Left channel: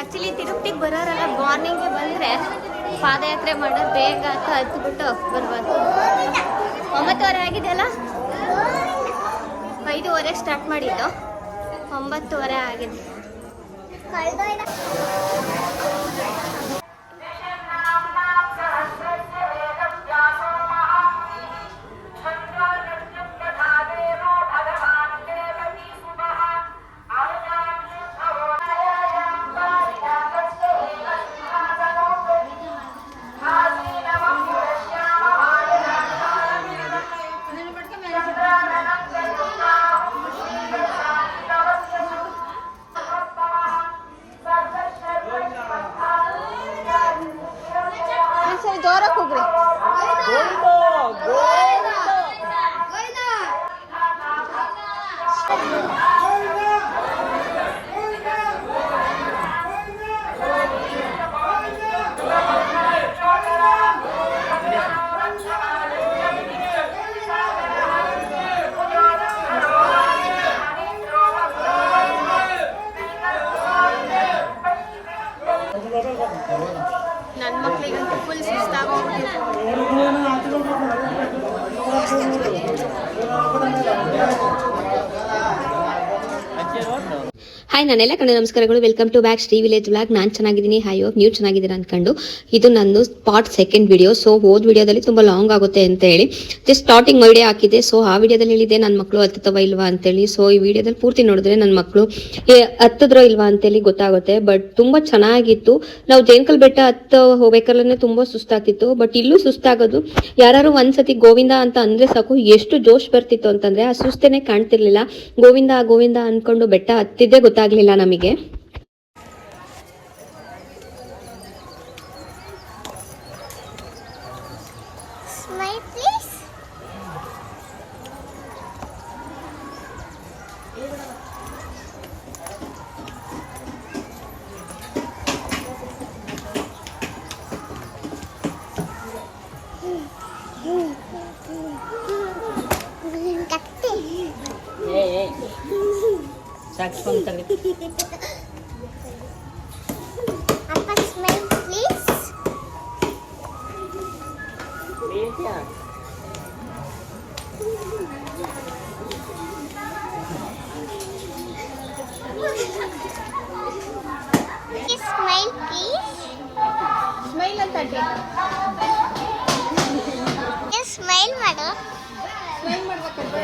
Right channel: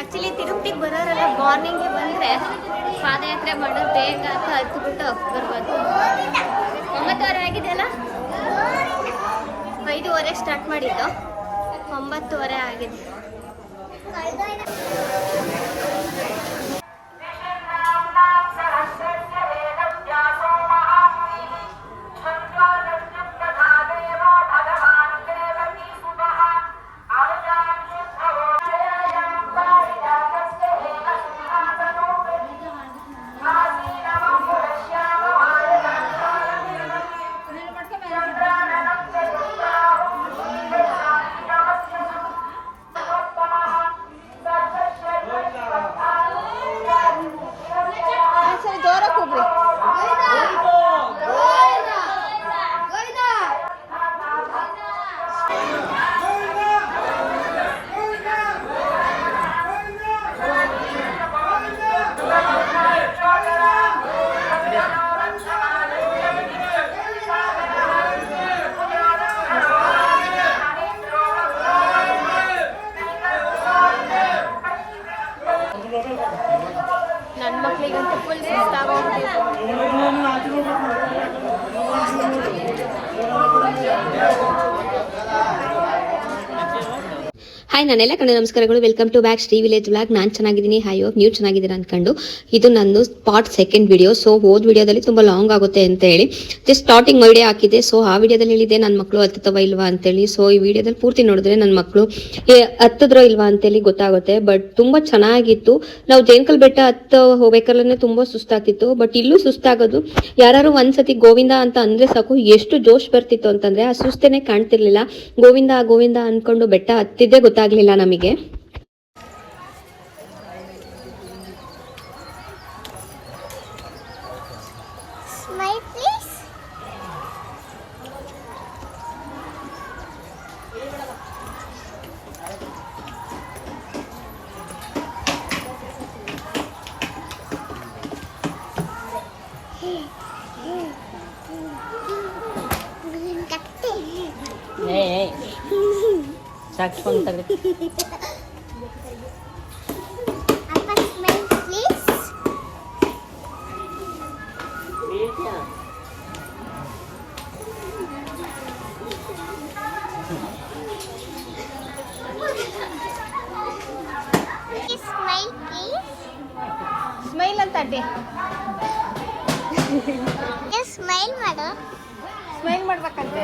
Actually ತಿರುಪತಿಗೆ ಬರೋರೆಲ್ಲ ಮಾರ್ನಿಂಗ್ಗೆ ಬಂದರೆ ಪಾದಯಾತ್ರೆ ಮಾಡೋದು ಬೇಗ ಅಂತ ಹತ್ಬಿಟ್ಟು ಬರ್ಬಾರ್ದು. 9:30 ಆಗಿದೆಯಲ್ಲ, 5:30 ಸ್ಟಾರ್ಟ್ ಮಾಡಿದ್ದು, 9:30 ಆಗಿದೆ. ನನ್ನ ಮಕ್ಳಿಗಂತೂ ಫುಲ್ ಸುಸ್ತಾಗೋಗ್ಬಿಟ್ಟಿದೆ. ಹಾಯ್, ನಾನೆಲ್ಲ ಕಡೆ ನಮಸ್ಕಾರಗಳು. Welcome to back Shri village vlog. ನಾನು ಚೆನ್ನಾಗಿದ್ದೀನಿ. ಹೈ ಹೋಪ್ ನೀವು ಚೆನ್ನಾಗಿದ್ದೀರಾ ಅಂದ್ಕೊಂಡು ಇದು ನಂದು ಪಾರ್ಟ್ 2 ವಿಡಿಯೋ. ಸೊ ಹೋದ್ ವಿಡಿಯೋದಲ್ಲಿ ತುಂಬ ಲಾಂಗ್ ಆಗುತ್ತೆ ಅಂತ ಹೇಳಿ ಜಸ್ಟ್ ಸ್ಟಾರ್ಟಿಂಗ್ ವಿಡಿಯೋ ಹಾಕಿದೆ. ಸೊ ಆ ವಿಡಿಯೋದಲ್ಲಿ ಹೇಳಿದೆ ನನ್ನ ಮಕ್ಕಳು ಹತ್ತುತ್ತವ ಇಲ್ವಾ ಅಂತೇಳಿ. ಸೊ ಈ ವಿಡಿಯೋದಲ್ಲಿ ಪೂರ್ತಿ ನೋಡಿದ್ರೆ ನನ್ನ ಮಕ್ಕಳು ಹತ್ತಿದ್ರೋ ಇಲ್ವಾ ಅಂತೇಳಿ ಗೊತ್ತಾಗುತ್ತೆ. ಬಟ್ ತುಂಬ ಚೆನ್ನಾಗಿತ್ತು. ನಾವು ಜೇನ್ಕಲ್ ಬೆಟ್ಟ ಹೋಗ್ಬೇಕಾದ್ರೆ ತುಂಬ ಸುಸ್ತಾಗ್ತಿತ್ತು. ಬಟ್ ಇಲ್ಲೂ ಸುಸ್ತಾಗೋದು, ಯಾರು ಒಂದ್ಸತಿ ಗೋವಿಂದ ಅಂತ ಅಂದ್ರೆ ಸಾಕು ಎಷ್ಟು ಜೋಶ್ ಬರ್ತಿತ್ತು ಅಂತಂದ್ರೆ ಆ ಸುಸ್ತೇನೆ ಕಾಣ್ತಿರ್ಲಿಲ್ಲ. ಗೋವಿಂದ ಗೋವಿಂದ ಅನ್ಕೊಂಡು ಬೆಟ್ಟ ಹತ್ತಿದ್ದೇ ಗೊತ್ತಾಗ್ಲಿಲ್ಲ ನಮಗೆ. ಸಾಕ್ಸ್ಕೊಂತಾರೆ. Appa, smile please. Smile please. Smile ಅಂತ Smile ಮಾಡು. ಸ್ಮೈಲ್ ಮಾಡ್ಬೇಕಂತೆ.